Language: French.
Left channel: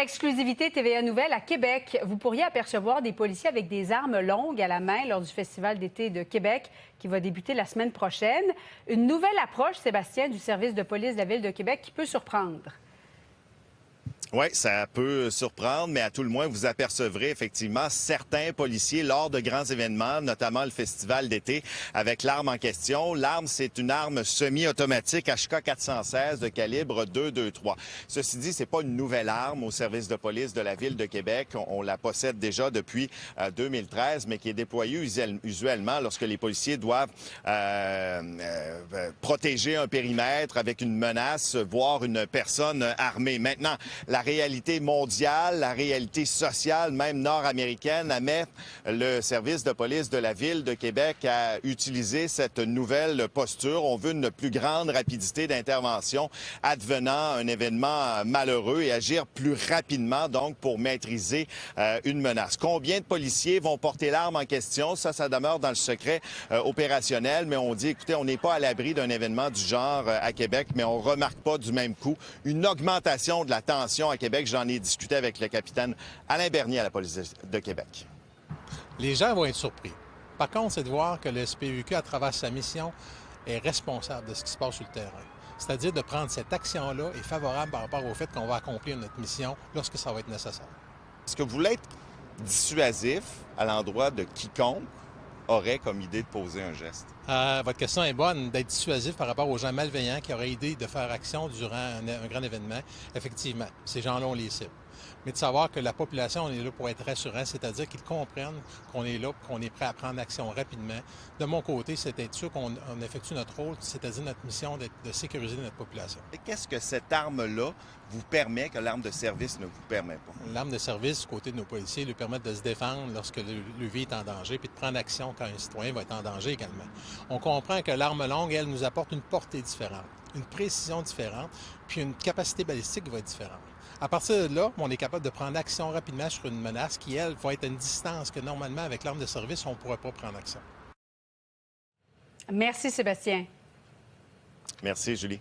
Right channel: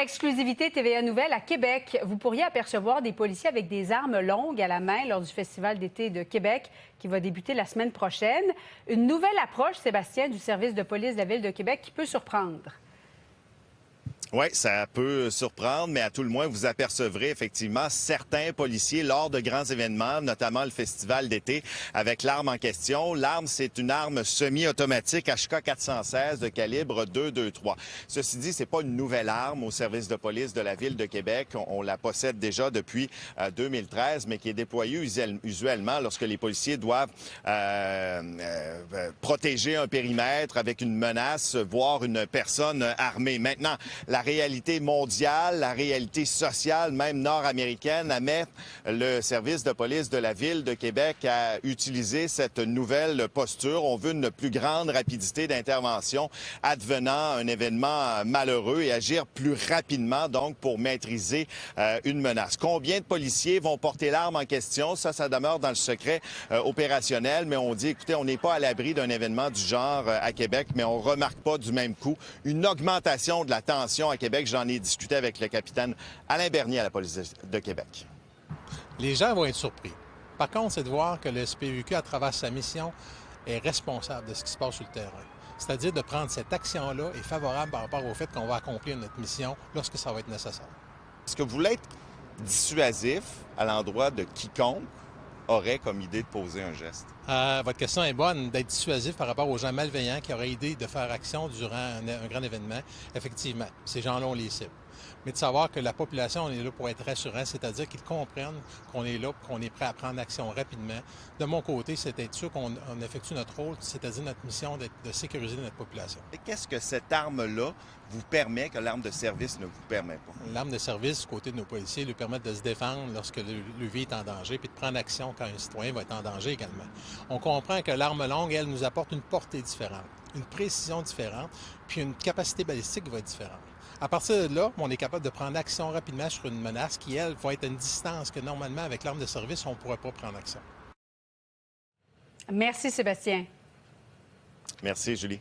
Exclusivité TVA Nouvelle à Québec. Vous pourriez apercevoir des policiers avec des armes longues à la main lors du Festival d'été de Québec qui va débuter la semaine prochaine. Une nouvelle approche, Sébastien, du service de police de la Ville de Québec qui peut surprendre. Oui, ça peut surprendre, mais à tout le moins, vous apercevrez effectivement certains policiers lors de grands événements, notamment le festival d'été, avec l'arme en question. L'arme, c'est une arme semi-automatique HK 416 de calibre 223. Ceci dit, c'est pas une nouvelle arme au service de police de la Ville de Québec. On la possède déjà depuis 2013, mais qui est déployée usuellement lorsque les policiers doivent protéger un périmètre avec une menace, voire une personne armée. Maintenant, la réalité mondiale, la réalité sociale, même nord-américaine, amène le service de police de la Ville de Québec à utiliser cette nouvelle posture. On veut une plus grande rapidité d'intervention advenant un événement malheureux et agir plus rapidement, donc, pour maîtriser une menace. Combien de policiers vont porter l'arme en question? Ça demeure dans le secret opérationnel, mais on dit, écoutez, on n'est pas à l'abri d'un événement du genre à Québec, mais on remarque pas du même coup une augmentation de la tension à Québec. J'en ai discuté avec le capitaine Alain Bernier à la police de Québec. Les gens vont être surpris. Par contre, c'est de voir que le SPVQ, à travers sa mission, est responsable de ce qui se passe sur le terrain. C'est-à-dire de prendre cette action-là et favorable par rapport au fait qu'on va accomplir notre mission lorsque ça va être nécessaire. Est-ce que vous voulez être dissuasif à l'endroit de quiconque aurait comme idée de poser un geste? Votre question est bonne, d'être dissuasif par rapport aux gens malveillants qui auraient idée de faire action durant un grand événement. Effectivement, ces gens-là, on les cible. Mais de savoir que la population, on est là pour être rassurant, c'est-à-dire qu'ils comprennent qu'on est là, qu'on est prêt à prendre action rapidement. De mon côté, c'est d'être sûr qu'on effectue notre rôle, c'est-à-dire notre mission de sécuriser notre population. Et qu'est-ce que cette arme-là vous permet que l'arme de service ne vous permet pas? L'arme de service, du côté de nos policiers, lui permet de se défendre lorsque le vie est en danger, puis de prendre action quand un citoyen va être en danger également. On comprend que l'arme longue, elle, nous apporte une portée différente, une précision différente, puis une capacité balistique qui va être différente. À partir de là, on est capable de prendre action rapidement sur une menace qui, elle, va être à une distance que normalement, avec l'arme de service, on ne pourrait pas prendre action. Merci, Sébastien. Merci, Julie.